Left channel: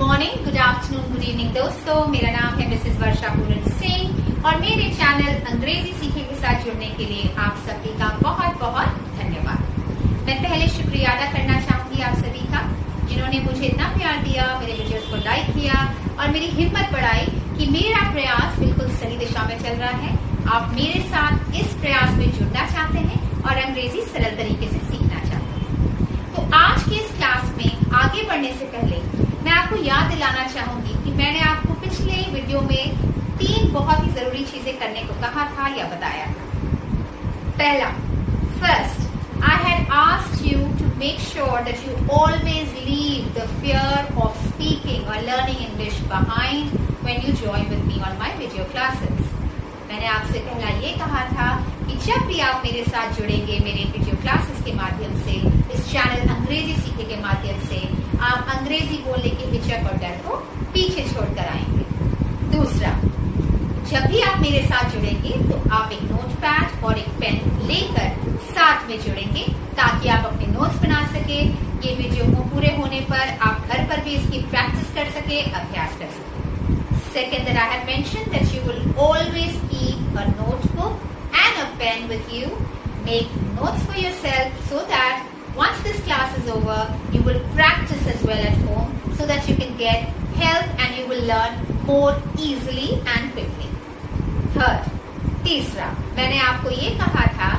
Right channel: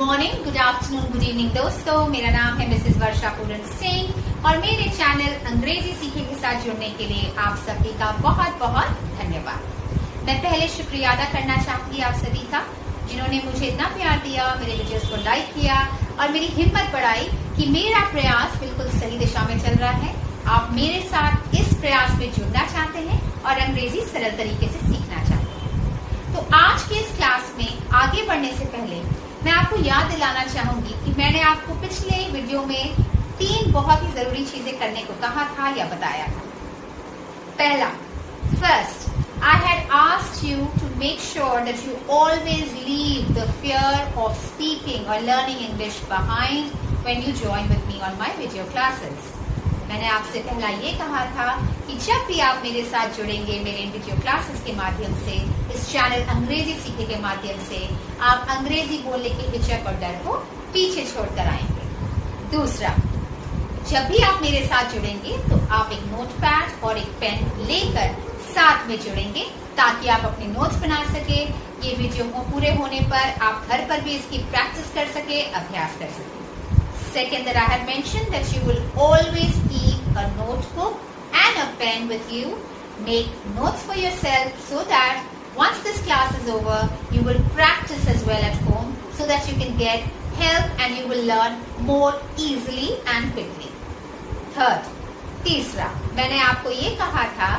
Morning, good afternoon, good evening दोस्तों। मेरा नाम है मिसेस वर्षा पूरन सिंह और मेरे चैनल अंग्रेजी सीखे के साथ जुड़ने के लिए आप सभी का बहुत बहुत धन्यवाद। मैं पहले शुक्रिया अदा करना चाहूंगी आप सभी का, जिन्होंने मुझे इतना प्यार दिया, मेरे वीडियोस को लाइक किया और मेरी हिम्मत बढ़ाई कि मेरा प्रयास बिल्कुल सही दिशा में चल रहा है। आप मेरे साथ इस प्रयास में जुड़ना चाहते हैं और अंग्रेजी सरल तरीके से सीखना चाहते हैं। तो आज की इस क्लास में आगे बढ़ने से पहले मैं आपको याद दिलाना चाहूंगी कि मैंने आपको पिछले वीडियो में 3 बहुत ही जरूरी चीजें करने को कहा था या बताया था। पहला, first, I had asked you to make sure that you always leave the fear of speaking or learning English behind when you join with me on my video classes. मैंने आपसे पहला ये कहा था कि जब भी आप मेरे साथ जुड़ेंगे मेरे वीडियो क्लासेस के माध्यम से, इस चैनल अंग्रेजी सीखे के माध्यम से, आप अंग्रेजी बोलने के हिचक और डर को पीछे छोड़कर आएंगे। दूसरा, जब भी आप मेरे साथ जुड़ेंगे तो आप एक नोटपैड और एक पेन लेकर साथ में जुड़ेंगे ताकि आप अपने नोट्स बना सके। ये वीडियो पूरे होने पर आप घर पर भी इसकी प्रैक्टिस कर सके, अभ्यास कर सके। Second, that I had mentioned that you will always keep a notebook and a pen with you. Make notes for yourself so that once this class is over, you will practice as well at home so that you can get help and you will learn more easily and quickly. Third, तीसरा, मैंने आपको ये कहा था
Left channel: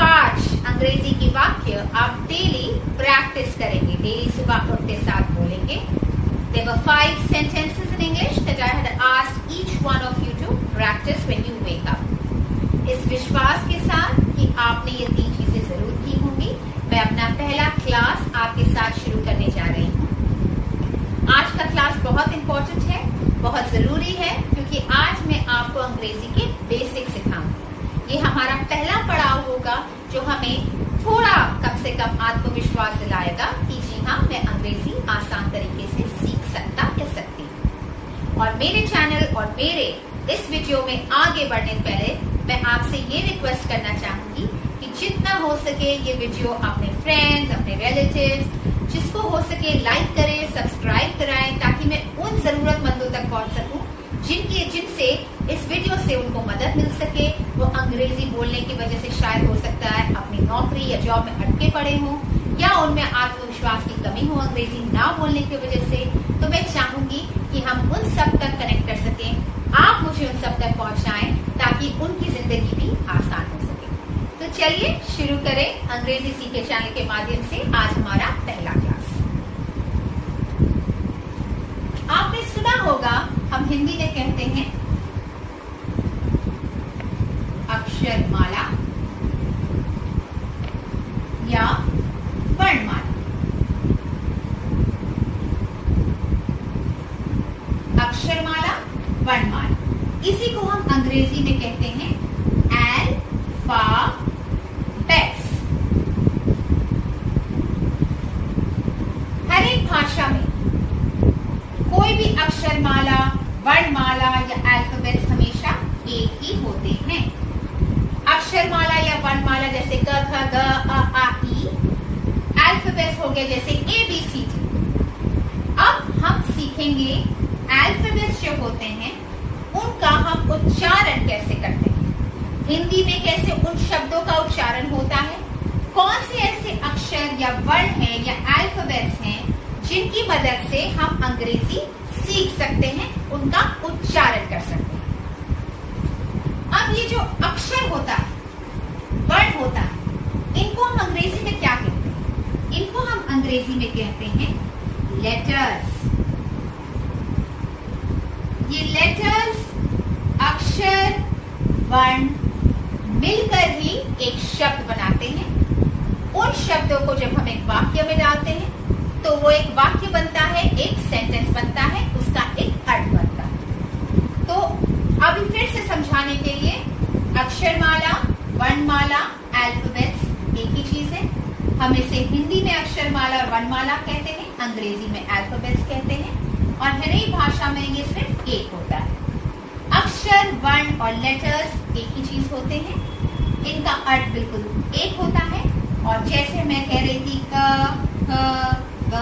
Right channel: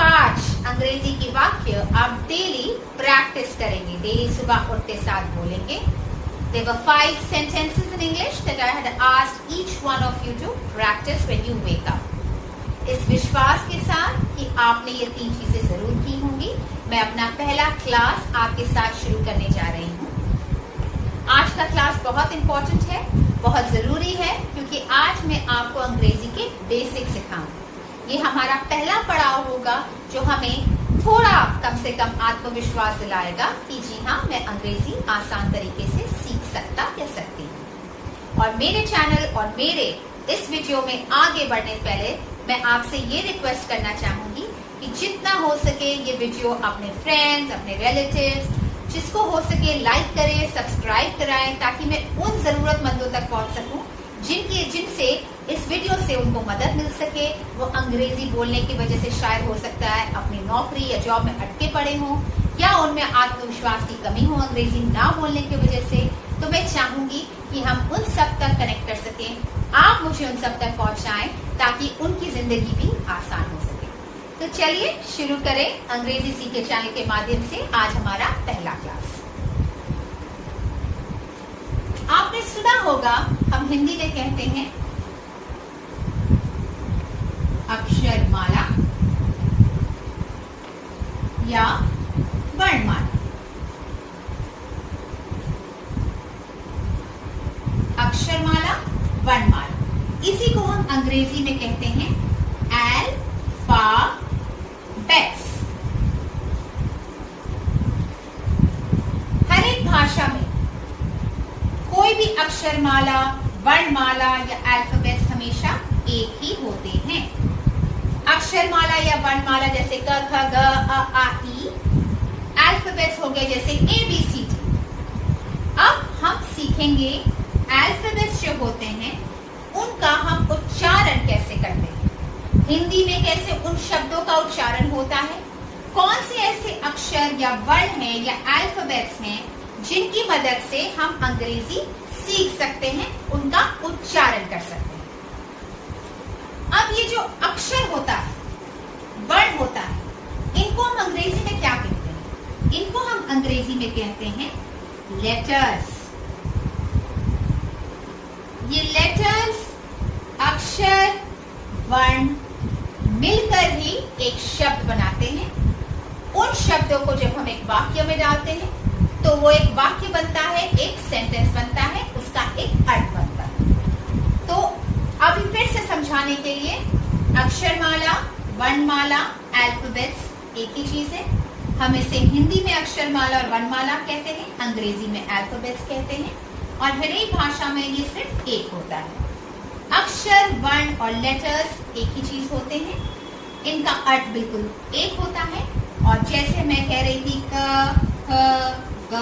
5 अंग्रेजी की वाक्य आप डेली प्रैक्टिस करेंगे, डेली सुबह उठते साथ बोलेंगे। There were 5 sentences in English that I had asked each one of you to practice when you wake up. इस विश्वास के साथ कि आपने ये 3 चीजें जरूर की होंगी, मैं अपना पहला क्लास आपके साथ शुरू करने जा रही हूँ। आज का क्लास बहुत इम्पोर्टेंट है, बहुत जरूरी है, क्योंकि आज मैं आपको अंग्रेजी के बेसिक सिखाऊंगी। ये हमारा पहला पड़ाव होगा जो हमें थोड़ा कम से कम आत्मविश्वास दिलाएगा कि जी हाँ, मैं अंग्रेजी आसान तरीके से सीख सकता या सकती हूँ। और मेरे चैनल और मेरे इस वीडियो में आगे बढ़ने से पहले मैं आपसे ये रिक्वेस्ट करना चाहूंगी कि जितना हो सके ये वीडियो अपने फ्रेंड्स, अपने रिलेटिव्स, जिसको हो सके लाइक करें, सब्सक्राइब कराएं, ताकि मैं उन जरूरतमंदों तक पहुंच सकूं जिनसे इस वीडियो से उनको मदद मिल सके। वो अंग्रेजी बोलने की वजह से शायद हो सकता है अपनी नौकरी या जॉब में अटके पड़े हों, या उनमें आत्मविश्वास की कमी हो अंग्रेजी ना बोलने की वजह से। तो मैं चाहूंगी कि हम उन सब तक कनेक्ट कर सकें, आप मुझे उन सब तक पहुंचाएं ताकि उनकी जिंदगी भी आसान हो सके। तो चलिए शुरू करें अंग्रेजी सीखे चैनल के माध्यम से आज हमारा पहला क्लास। आपने सुना होगा, हम हिंदी में कहते हैं अक्षरमाला या वर्णमाला। अक्षरमाला, वर्णमाला, इसी को हम अंग्रेजी में कहते हैं अल्फाबेट्स। हर एक भाषा में कोई भी अक्षरमाला, वर्णमाला या अल्फाबेट्स हमेशा एक ही होते हैं। अक्षरमाला या वर्णमाला जैसे क, ख, ग, अ, आ, ई। अल्फाबेट्स हो गए जैसे ए, बी, सी, डी। अब हम सीखेंगे अल्फाबेट्स जो होते हैं उनका हम उच्चारण कैसे करते हैं, हिंदी में कैसे उन शब्दों का उच्चारण होता है, कौन से ऐसे अक्षर या वर्ण हैं या अल्फाबेट्स हैं जिनकी मदद से हम अंग्रेजी सीख सकते हैं, उनका उच्चारण कर सकते हैं। अब ये जो अक्षर होता है, वर्ण होता है, इनको हम अंग्रेजी में क्या कहते हैं? इनको हम अंग्रेजी में कहते हैं लेटर्स। ये लेटर्स, अक्षर, वर्ण मिलकर ही एक शब्द बनाते हैं। उन शब्दों को जब हम एक वाक्य में डालते हैं तो वो एक वाक्य बनता है, एक सेंटेंस बनता है, उसका एक अर्थ बनता है। तो अभी फिर से समझाने के लिए, अक्षरमाला, वर्णमाला, अल्फाबेट्स एक ही चीज है। हम इसे हिंदी में अक्षरमाला और वर्णमाला कहते हैं, अंग्रेजी में अल्फाबेट्स कहते हैं, और हर एक भाषा में ये सिर्फ एक होता है। अक्षर, वर्ण और लेटर्स एक ही चीज होते हैं, इनका अर्थ बिल्कुल एक होता है। और जैसे मैं कह रही थी क, ख, ग,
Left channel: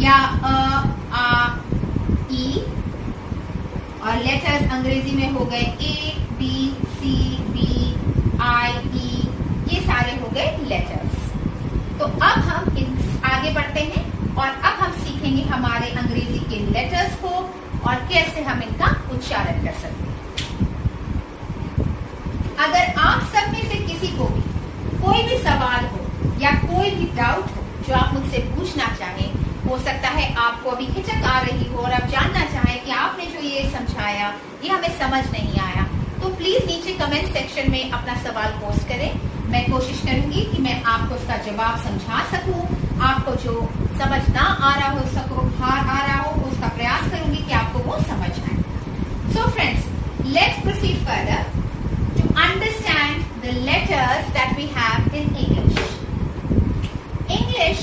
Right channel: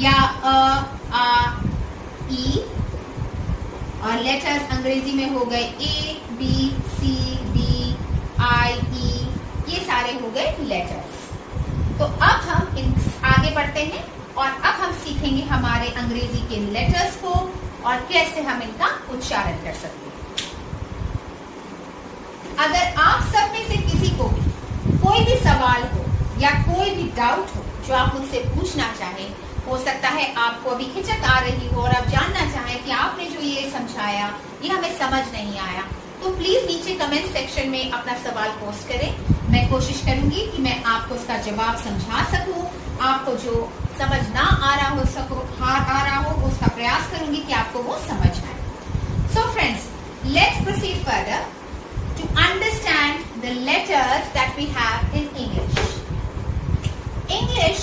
या आ ई, और लेटर्स अंग्रेजी में हो गए ए बी सी डी आई ई, ये सारे हो गए लेटर्स। तो अब हम आगे बढ़ते हैं और अब हम सीखेंगे हमारे अंग्रेजी के लेटर्स को और कैसे हम इनका उच्चारण कर सकते हैं। अगर आप सब में से किसी को कोई भी सवाल हो या कोई भी डाउट हो जो आप मुझसे पूछना चाहें, हो सकता है आपको अभी हिचक आ रही हो और आप जानना चाहें कि आपने जो ये समझाया ये हमें समझ नहीं आया, तो प्लीज नीचे कमेंट सेक्शन में अपना सवाल पोस्ट करें। मैं कोशिश करूंगी कि मैं आपको उसका जवाब समझा सकूं, आपको जो समझ ना आ रहा हो उसका प्रयास करूंगी कि आपको वो समझ आए। So friends, let's proceed further to understand the letters that we have in English. English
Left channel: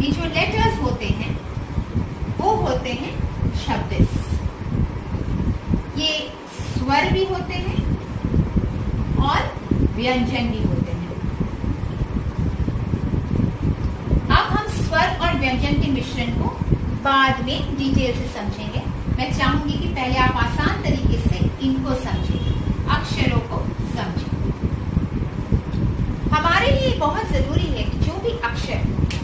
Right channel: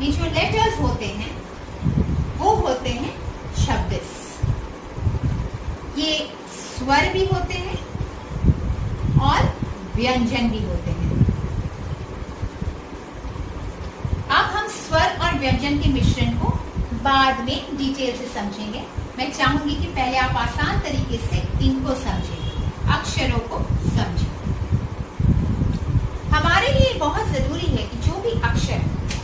में जो लेटर्स होते हैं वो होते हैं 26। ये स्वर भी होते हैं और व्यंजन भी होते हैं। अब हम स्वर और व्यंजन के मिश्रण को बाद में डिटेल से समझेंगे। मैं चाहूंगी कि पहले आप आसान तरीके से इनको समझें, अक्षरों को समझें। हमारे लिए बहुत जरूरी है कि जो भी अक्षर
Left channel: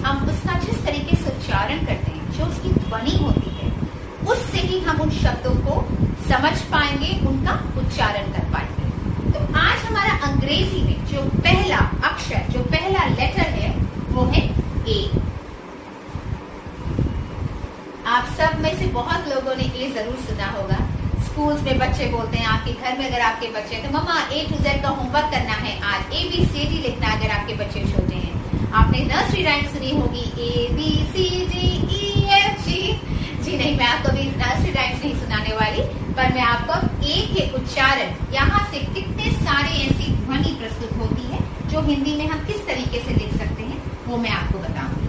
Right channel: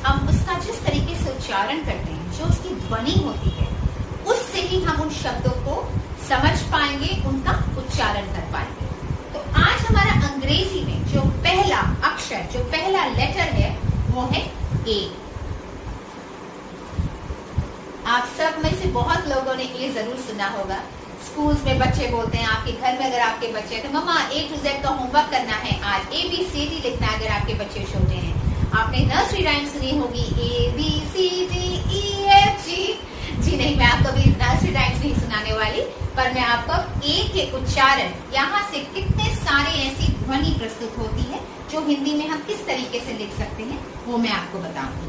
हम उसका जिस तरीके से उच्चारण करते हैं, जो उसकी ध्वनि होती है, उससे ही हम उन शब्दों को समझ पाएंगे, उनका उच्चारण कर पाएंगे। तो आज हमारा अंग्रेजी में जो पहला अक्षर, जो पहला लेटर है, वो है ए। आप सब में से बहुत लोगों ने ये जरूर सुना होगा, स्कूल्स में बच्चे बोलते हैं, आपके घर में अगर आपके बच्चे हैं तो मम्मा A to Z का होमवर्क करना है, आज ABCD लिखना है। अगर आपके बच्चे छोटे हैं, आपने नर्सरी राइम सुनी होगी ABCDEFG। जी नहीं, मैं आपको अभी नर्सरी राइम्स नहीं सुनाने वाली, पर मैं आपको ए के उच्चारण, यहाँ से कितने सारे ऐसी ध्वनि प्रस्तुत होती है जो हिंदी में हम किस तरीके से लिख सकते हैं, वो मैं आपको बताऊंगी।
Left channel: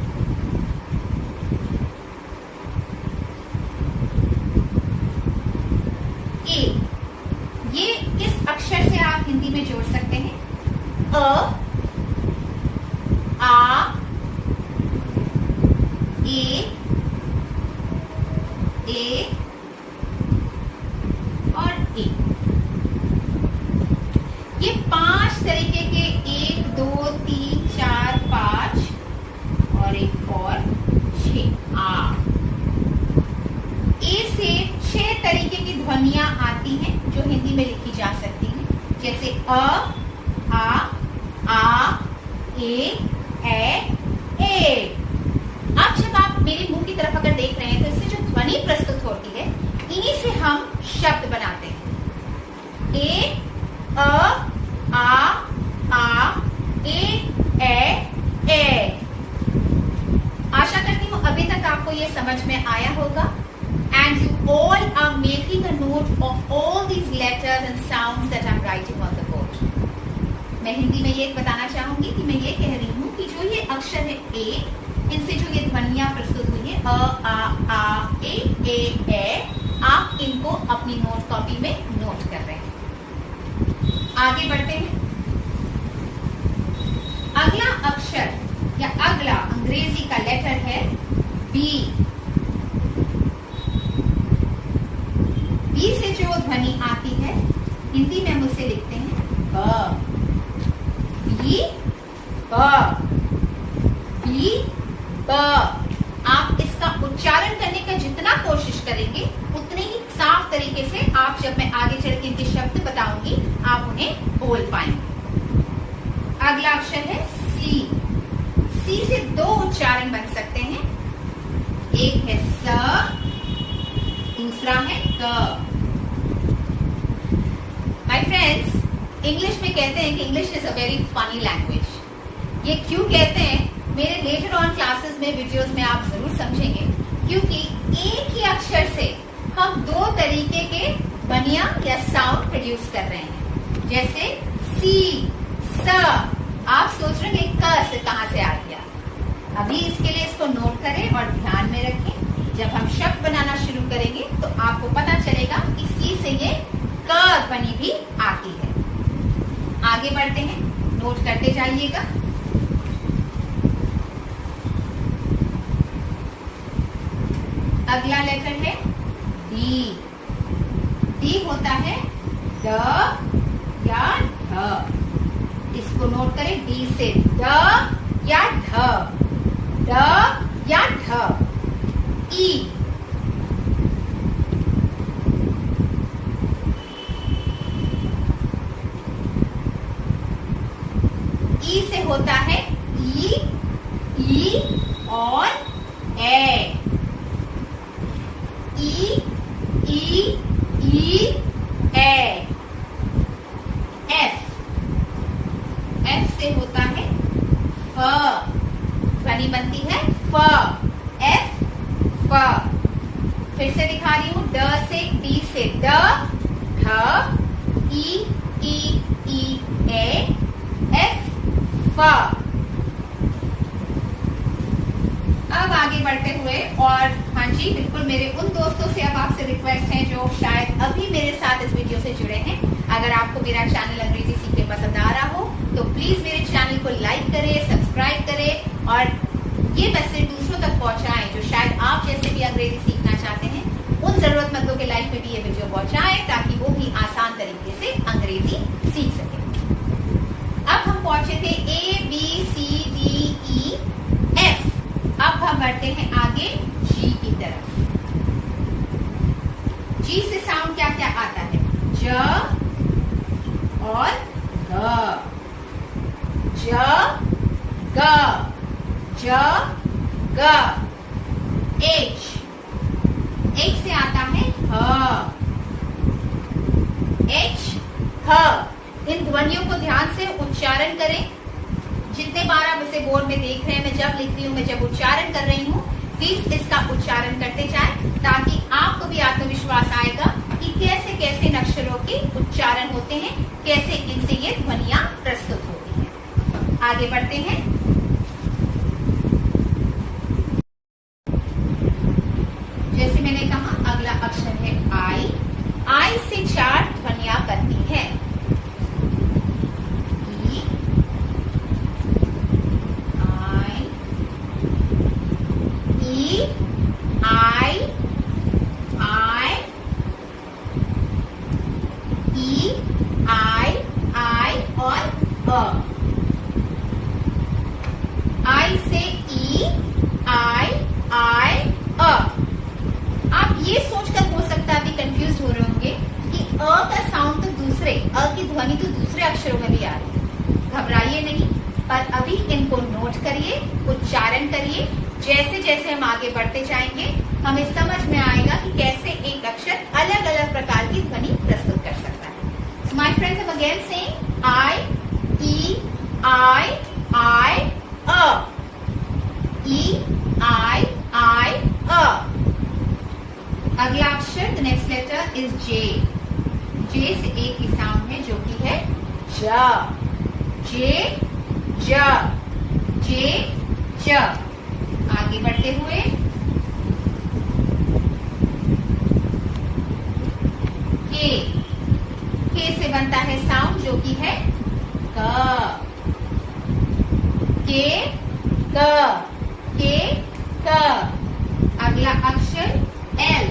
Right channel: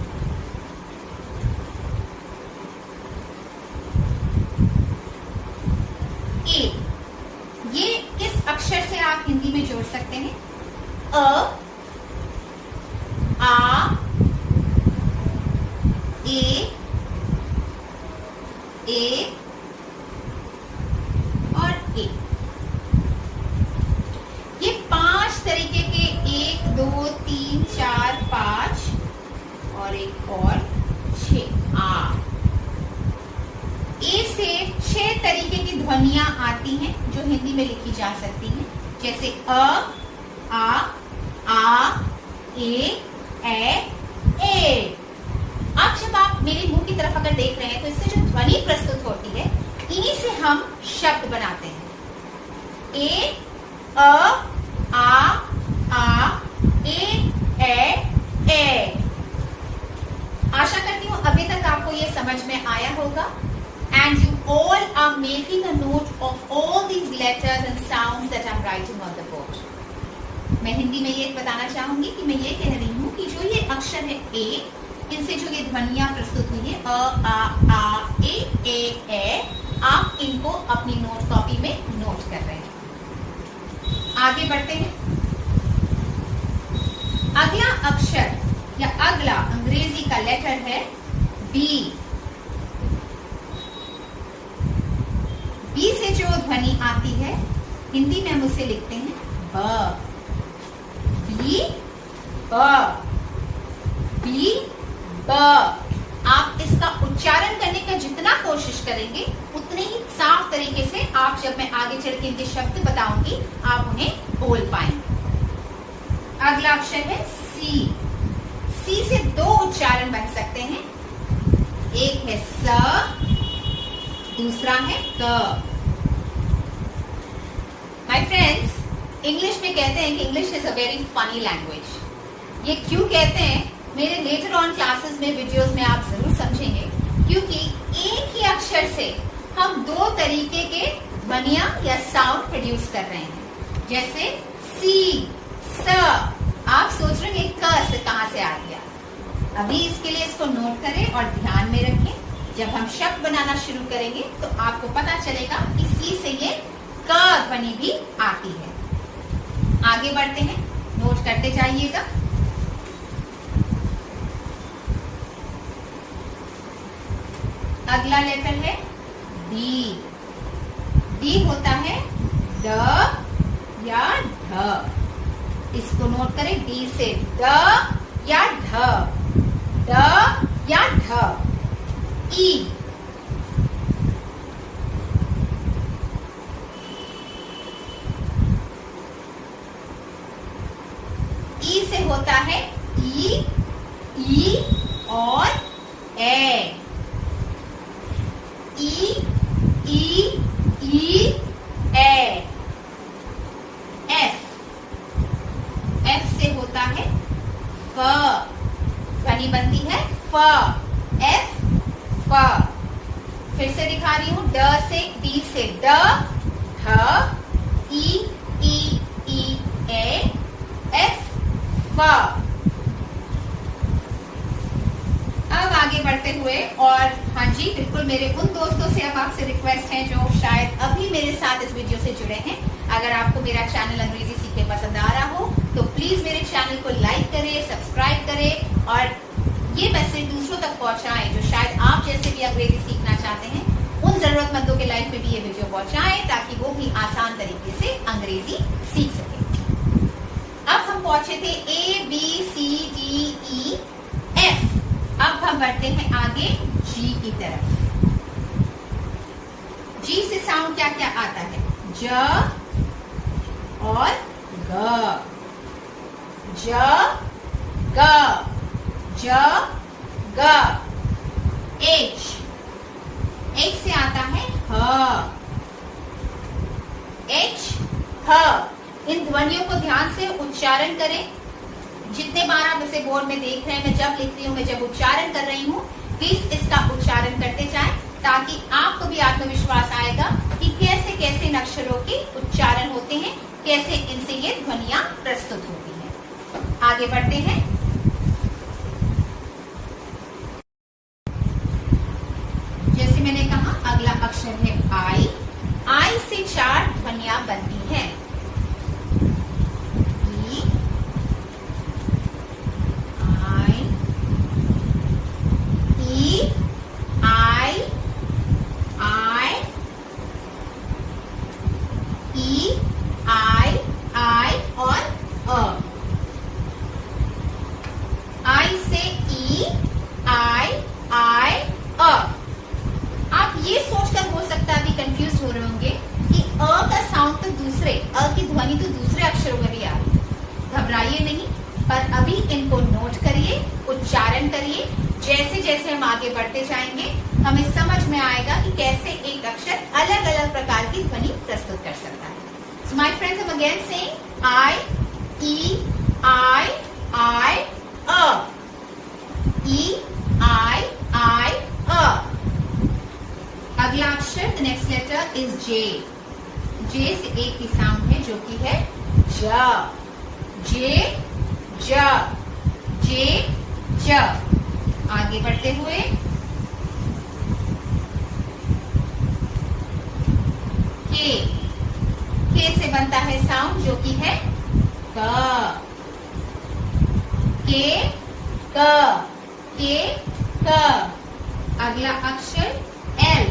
ए, ये किस अक्षर से आप हिंदी में जोड़ सकते हैं? अ, आ, ए और ए। ये 5 तरीके के 1 2 3 4 5 और एक और 6 आ। ए से 6 तरीके की ध्वनियां आती हैं जो हिंदी में लिखी जा सकती हैं, जैसे आ ए ए। अब जब आप मेरे मुंह की तरफ अगर देख रहे हैं तो इससे जो ध्वनि प्रस्तुत होती है, इन्हीं से हम शब्द बनाते हैं। ए आ ए। आशा करती हूँ अभी तक आपको ये समझ में आया होगा। And you all are making a note of all these letters and sounds that I'm writing on the board. मैं हिंदी में ये बताना चाहूंगी कि मैं ये कह रही हूँ कि जो ये अक्षर है ए, इनसे जो ये ध्वनियां प्रस्तुत हुई है आ ए, आप इनको अपनी नोट कॉपी में नोट कर रहे हैं। आगे बढ़ते हैं। अगला अक्षर या अगला अंग्रेजी का लेटर है बी। बी से जो ध्वनि आती है, हिंदी में हम उसे लिखते हैं ब। बी ब। आप इसका उच्चारण करने का जितना कोशिश करेंगे, उतने ही साफ तरीके से आप, जब मैं आगे चल के इनके शब्द बताऊंगी, आप उन्हें बोल पाएंगे। अगला अक्षर है सी। सी से 2 उच्चारण बन सकते हैं, एक है स, दूसरा है क। माय फ्रेंड्स, इंग्लिश में कहते हैं कि English is a very funny language. ये क्यों कहते हैं, मेरे लेटर ऑन क्लासेस में, वीडियोस में आप जरूर समझेंगे, क्योंकि एक ही अक्षर से हम 2 तरीके के ध्वनियां या साउंड प्रोड्यूस कर रहे हैं। जैसे सी, स, आप सोच रहे हैं क से कहां से आ गया। अभी इसके लिए इसको नोट करें और ध्यान में रखें। जब हम शब्द बनाना शुरू करेंगे तो आपको पता चलेगा कि सी से ये क ध्वनि भी आती है। आगे बढ़ते हैं, नोट करते जाइएगा। अगला लेटर है डी। डी होता है ड या ढ। इसको नोट करें, डी से ड या ढ, ड या ढ। ई। ई से होता है ई और ए। ई ए। एफ। एफ से होता है फ। ध्वनि बनती है फ। एफ फ। फिर से दिखा रही हूं, ड से डी से ड, ढ, ई ए, एफ फ। अब आगे बढ़ते हुए, और हाँ जी बिल्कुल मेरे उन दोस्तों से अब आपसे रिक्वेस्ट है जो शायद अभी मेरे साथ इस वीडियो से जुड़े हैं, अगर आपको मेरा चैनल अंग्रेजी सीखे पसंद आ रहा हो तो प्लीज मेरे चैनल को लाइक करें, सब्सक्राइब करें और ये मैसेज दूसरों तक पहुंचाएं जो शायद आप जैसे भी अंग्रेजी सीखना चाहते हैं। उन जरूरतमंदों के लाइफ में भी ये वीडियो पहुंचाएं ताकि वो भी आसान तरीके से अंग्रेजी सीख सकें। अब हम पहुंचे थे A B C D E F. अब हम बढ़ते हैं आगे जी की तरफ। जी से साउंड क्या क्या आता है? ज और ग। ज ग, ज ग। एच। एच से आता है ह। एच ह। इन ध्वनियों को ध्यान से उच्चारण करें। जितने बार आप इसे बोर्ड में देख रहे हैं, मैं जब लिख रही हूँ, मैं जब उच्चारण कर रही हूँ, प्लीज इसका उच्चारण करते जाएं ताकि आपको भी आत्मविश्वास आएगा कि कैसे कैसे इन अक्षरों के उच्चारण होते हैं, कैसे इनसे ये ध्वनियां प्रस्तुत होती हैं। आगे बढ़ते हैं। जैसे मैंने कहा, अगला अक्षर है आई। आई से 4 ध्वनियां बनती हैं। आई से ई, आई अ। आप ये सोचकर हो सकता है अभी कंफ्यूज हो रहे होंगे कि अ का साउंड तो दूसरे, अ की ध्वनि तो दूसरे अक्षरों में भी आ रही है। घबराइए नहीं, पर अभी इनको नोट करिए, उच्चारण करिए। जैसे जैसे हम आगे बढ़ते जाएंगे हमें समझ में आएगा कि कैसे एक अक्षर अलग अलग प्रकार की ध्वनि प्रस्तुत कर सकता है। My friends, I'm again saying I, E, I, a. E, I, अ। अगला अक्षर, द नेक्स्ट लेटर इज जे। जे से एक ही साउंड है जो कि है ज। जे ज, जे ज। आगे बढ़ते हुए के। के से बनता है साउंड जो कि है क। के क, के क। अगला अक्षर एल।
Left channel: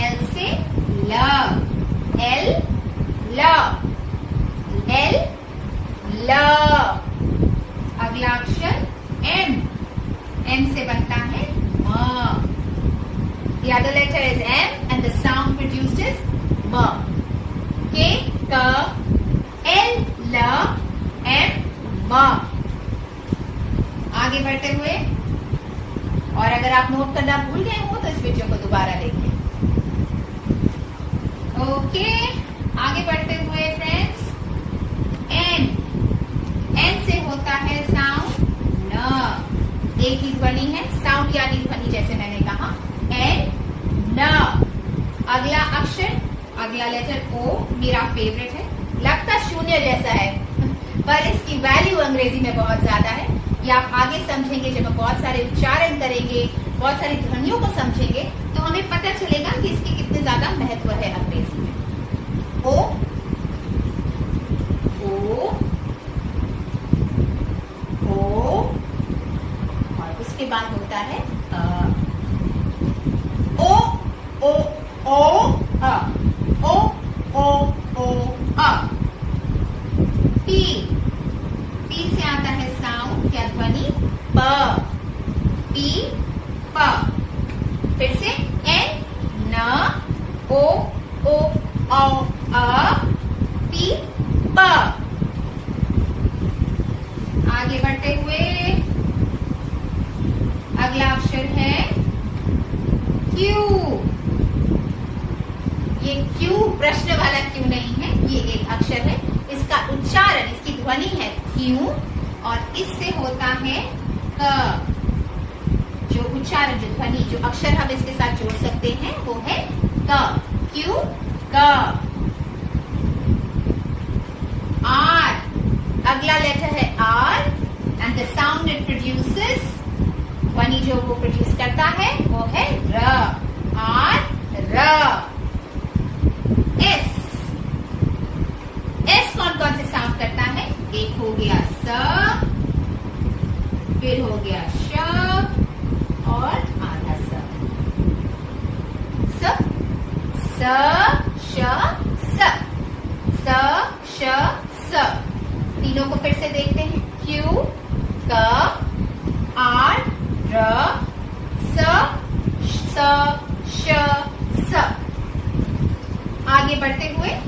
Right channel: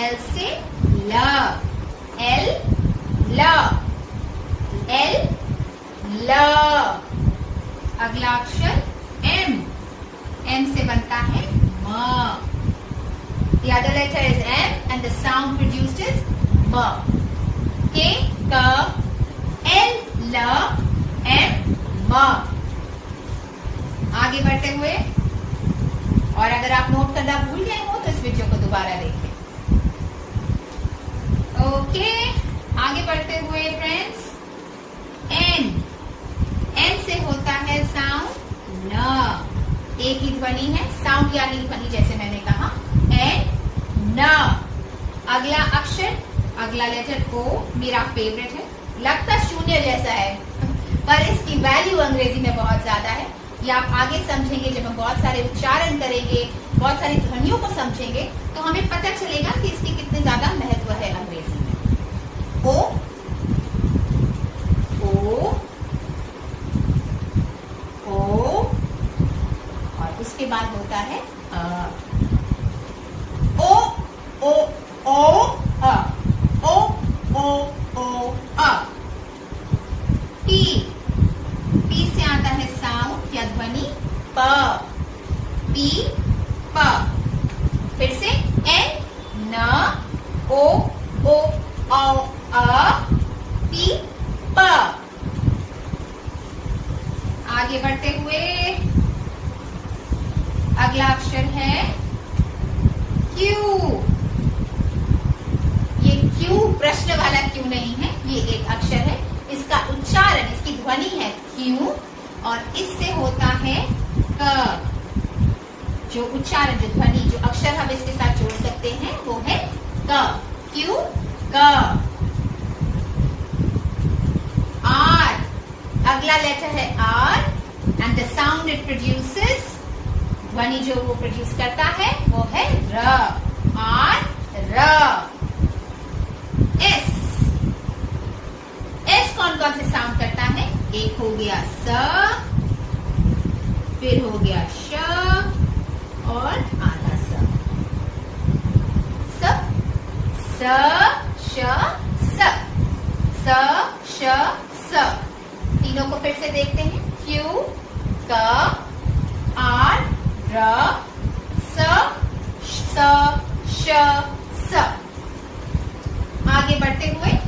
एल से ल। एल ल, एल ल। अगला अक्षर एम। एम से बनता है म। The other letter is M and the sound produced is म। के क, एल ल, एम म। आगे बढ़ते हुए, और अगर आप नोट करना भूल गए हो तो इस वीडियो को दोबारा देखें। ओके, आगे बढ़ते हुए फ्रेंड्स, एन। एन से होता है साउंड न। एक ही ध्वनि है, साउंड यानी ध्वनि, जैसे मैंने कहा एन न। अगला अक्षर, अगला लेटर ओ मेरा फेवरेट है। लगता शून्य जैसा है पर इसकी वैल्यू अंग्रेजी में बहुत ज्यादा है। ये आप आगे समझेंगे जब हम बहुत सारे उच्चारण करेंगे, बहुत सारी ध्वनियों को समझेंगे तो हमें पता चलेगा कि इसकी कितने ज्यादा महत्व है अंग्रेजी में। ओ, ओ, ओ, और उसके बाद होता है आता है साउंड या ध्वनि प, पी, प। फिर से एन, न, ओ, औ, अ, पी, प। आगे बढ़ते हुए अगला अक्षर है क्यू। ये क्यू प्रश्न वाला क्यू नहीं है, ये एक अक्षर है। इसका उच्चारण, इसकी ध्वनि है क्यू और इससे होता है क। जो उच्चारण, जो ध्वनि, जो अक्षर हम इसके साथ जोड़ सकते हैं वो है क, क्यू, क। आर, अगला लेटर है R and the sound it produces, ध्वनि जो वो प्रोड्यूस करता है वो है र, आर, र। एस, एस कौन कौन से साउंड करता है? एक हो गया स, फिर हो गया श और आधा स। स, श, स, श, स। तीनों को फिर से देखते हैं। क्यू, क, आर, र, स, श, स। आगे बढ़ते हुए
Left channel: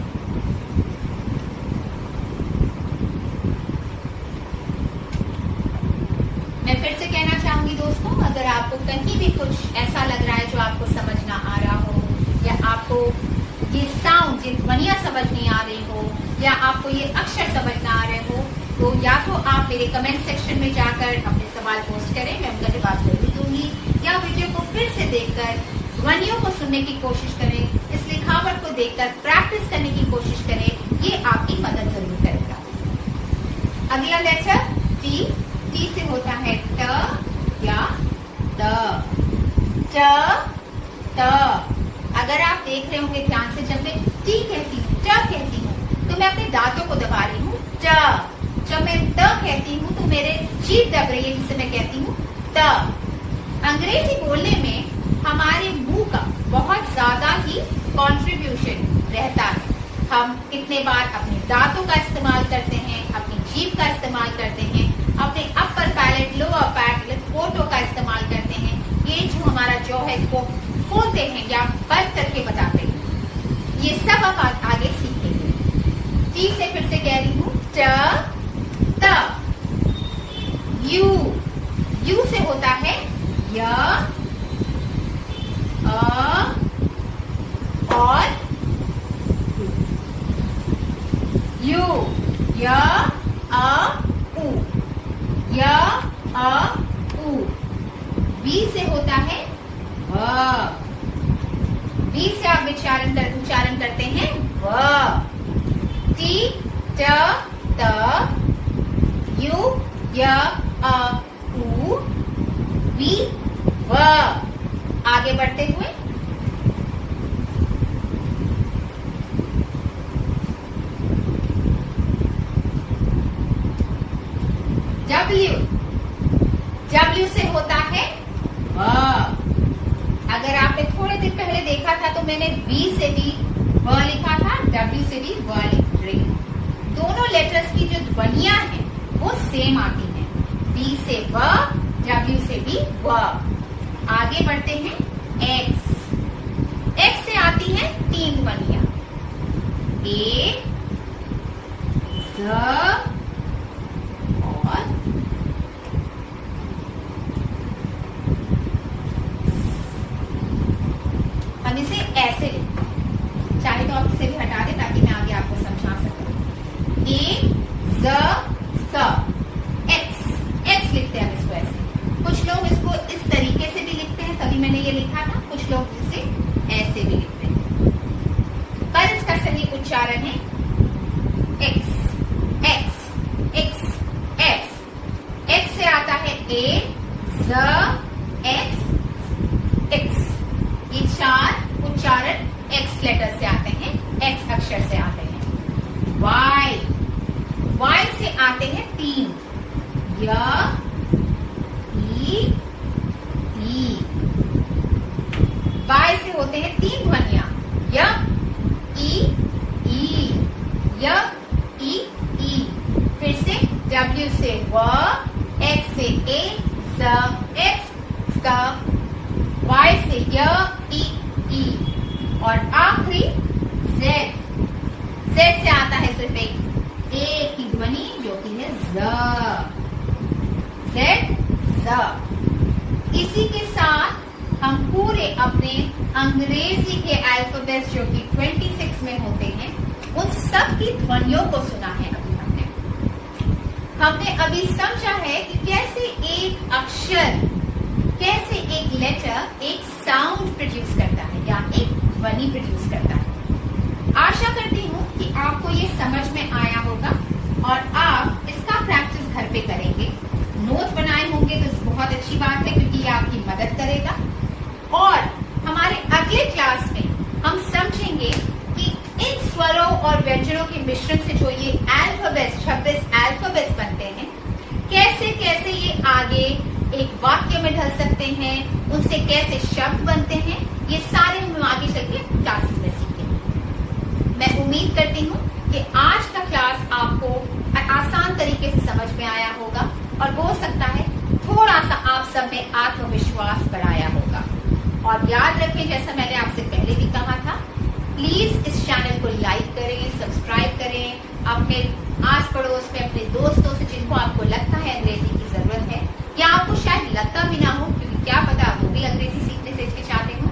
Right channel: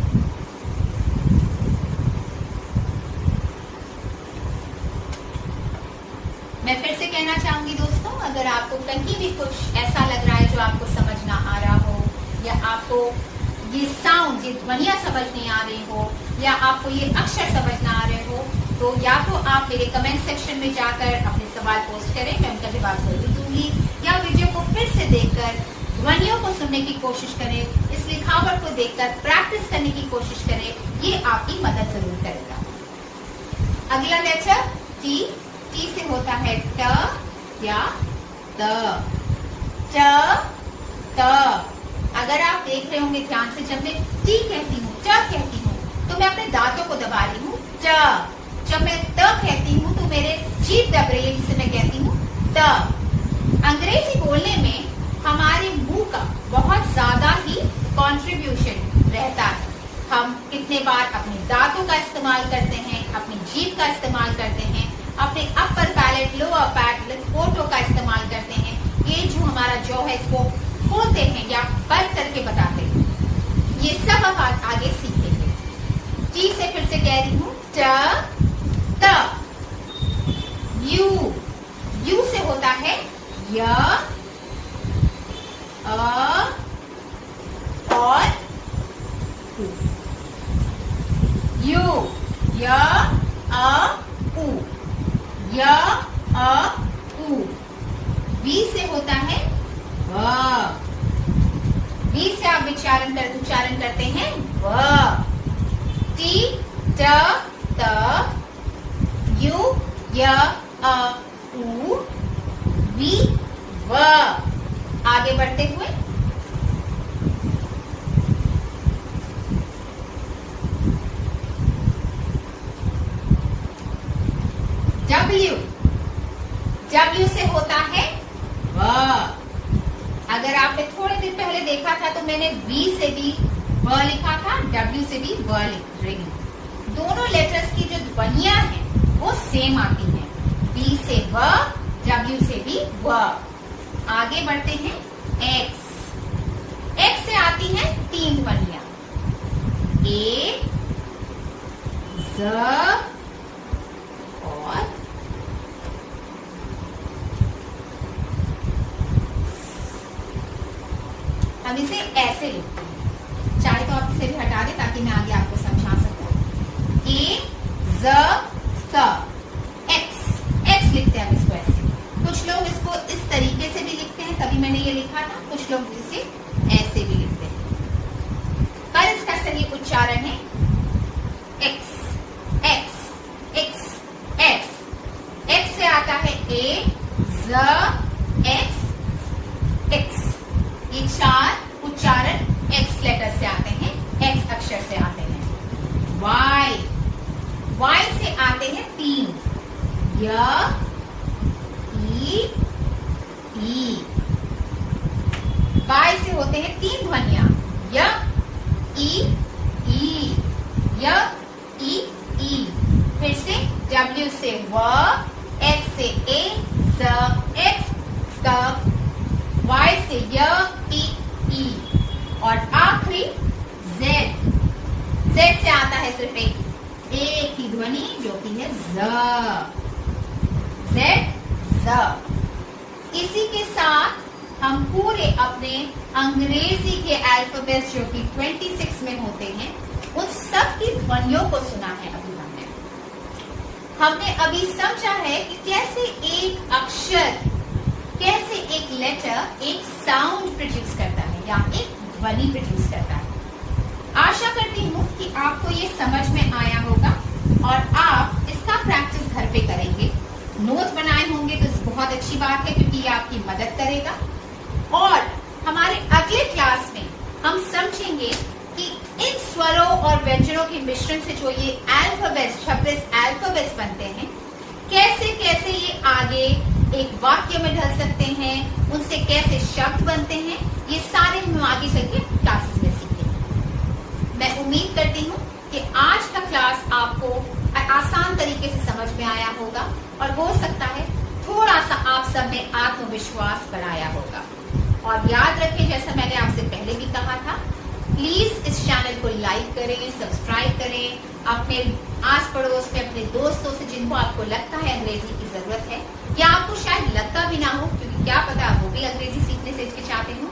मैं फिर से कहना चाहूंगी दोस्तों, अगर आपको कहीं भी कुछ ऐसा लग रहा है जो आपको समझ ना आ रहा हो, या आपको ये साउंड, ये ध्वनियां समझ नहीं आ रही हो, या आपको ये अक्षर समझ ना आ रहे हो, तो या तो आप मेरे कमेंट सेक्शन में जाकर अपने सवाल पोस्ट करें, मैं उनका जवाब जरूर दूंगी, या वीडियो को फिर से देखकर ध्वनियों को सुनने की कोशिश करें, इस लिखावट को देखकर प्रैक्टिस करने की कोशिश करें, ये आपकी मदद जरूर करेगा। अगला लेटर टी, टी से होता है ट या त, ट, त। अगर आप देख रहे होंगे ध्यान से, जब मैं टी कहती हूँ, ट कहती हूँ, तो मैं अपने दांतों को दबा रही हूँ, ट। जब मैं त कहती हूँ तो मेरे जीभ दब रही है, जिसे मैं कहती हूँ त। अंग्रेजी बोलने में हमारे मुंह का बहुत ज्यादा ही कंट्रीब्यूशन रहता है। हम कितने बार अपने दांतों का इस्तेमाल करते हैं, अपनी जीभ का इस्तेमाल करते हैं, अपने अपर पैलेट, लोअर पैलेट, होठों का इस्तेमाल करते हैं। ये जो हमारा जॉ है इसको खोलते हैं या बंद करके बताते हैं। ये सब हम आगे सीखेंगे। टी से फिर से कह रही हूँ ट, त। यू, यू से होता है य, अ और उ। यू, य, अ, उ, य, अ, उ। वी से होता है व, वी से आप उच्चारण करते हैं व। टी, ट, त, यू, य, अ, उ, वी, व। आगे बढ़ते हुए डब्ल्यू, डब्ल्यू से होता है व। अगर आपने थोड़े दिन पहले देखा था तो मैंने वी से भी व लिखा था, डब्ल्यू से भी व लिख रही हूं। दोनों लेटर्स की जो ध्वनियां हैं वो सेम आती हैं, वी से व, डब्ल्यू से भी व। आगे बढ़ते हैं एक्स, एक्स से आती हैं तीन ध्वनियां, ए, ज और हम इसे ऐसे लिखते हैं, चाहे तो आप इसे भी हटा दें ताकि मैं आगे आपको समझा सकूं। ए, ज, स, एक्स, एक्स लिखते हैं हम इसको ऐसे। कुछ लोग इसको इस तरीके से भी लिखते हैं, तभी मैंने ये लिखा था, कुछ लोग इसे ऐसे भी लिखते हैं, पर इसका सही उच्चारण है x, x, x, x. X से आता है ए, ज, एक्स, एक्स। ये चार उच्चारण एक्स लेटर से आते हैं, एक्स अक्षर से आते हैं। वाई, वाई से आते हैं तीन, य, ई। वाई से होते हैं तीन ध्वनियां, य, ई, य, ई, ई। फिर से W से व, X से ए, ज, X, क, Y से य, टी, ई और आखिरी Z। Z से आता है सिर्फ एक ही ध्वनि जो कि है Z। Z, Z। इसी के साथ हम पूरे अपने अंग्रेजी के अल्फाबेट्स जो कि 26 में होते हैं उन सब की ध्वनियों को सुना है। हमने अभी समझा है कि कैसे एक अक्षर, कैसे एक लेटर एक साउंड प्रोड्यूस करता है या एक ध्वनि प्रोड्यूस करता है। आशा करती हूँ कि आपको ये समझ में आया होगा और आप इसका प्रैक्टिस घर पे करेंगे। नोट्स बनाए होंगे तो बहुत अच्छी बात है क्योंकि ये आपकी मदद करेगा। और हमारे अगले क्लास में हम समझेंगे कि इन स्वरों और व्यंजनों के मिश्रण से जो ये अल्फाबेट्स 26 अल्फाबेट्स बनते हैं, कैसे कैसे ये आगे एक वाक्य में ढल सकते हैं, उनसे कैसे शब्द बनते हैं, ये सारे हम आगे चल के क्लासेस में सीखेंगे। मैं उम्मीद करती हूँ कि आज का क्लास आपको आसान तरीके से समझ में आया होगा और हो सकता है थोड़ा सा आप सब में आत्मविश्वास बढ़ाया होगा। और याद रखें, जैसा मैंने आपसे पहले भी कहा था, प्लीज इस चैनल को लाइक करें, सब्सक्राइब करें, अपने आस पड़ोस में अपने दोस्तों से जिनको आपको लगता है अंग्रेजी की जरूरत है या आपको शायद लगता भी ना हो, क्योंकि क्या पता वो भी अंग्रेजी सीखने से हिचकिचाते हो,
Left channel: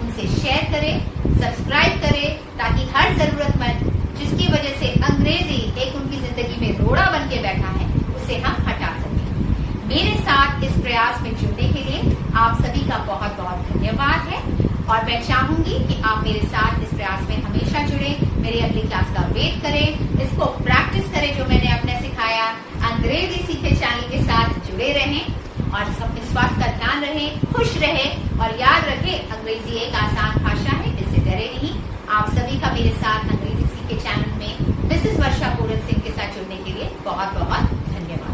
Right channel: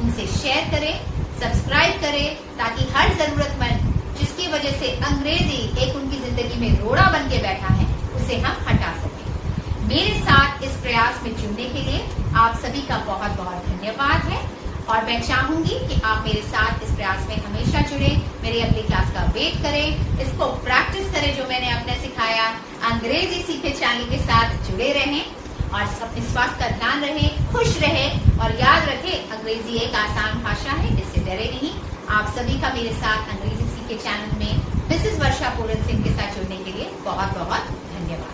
उनसे शेयर करें, सब्सक्राइब करें, ताकि हर जरूरतमंद जिसकी वजह से अंग्रेजी एक उनकी जिंदगी में रोड़ा बन के बैठा है उसे हम हटा सकें। मेरे साथ इस प्रयास में जुड़ने के लिए आप सभी का बहुत बहुत धन्यवाद है और मैं चाहूंगी कि आप मेरे साथ इस प्रयास में हमेशा जुड़े, मेरे अगली क्लास का वेट करें, इसको प्रैक्टिस करें जो मैंने अपने सिखाया। अंग्रेजी सीखे चैनल के साथ जुड़े रहें और अपने स्वास्थ्य का ध्यान रखें, खुश रहें और याद रखें अंग्रेजी एक आसान भाषा है, इससे डरे नहीं। आप सभी का मेरे साथ अंग्रेजी सीखे चैनल में मिसेस वर्षा पूरन सिंह के साथ जुड़ने के लिए बहुत बहुत धन्यवाद।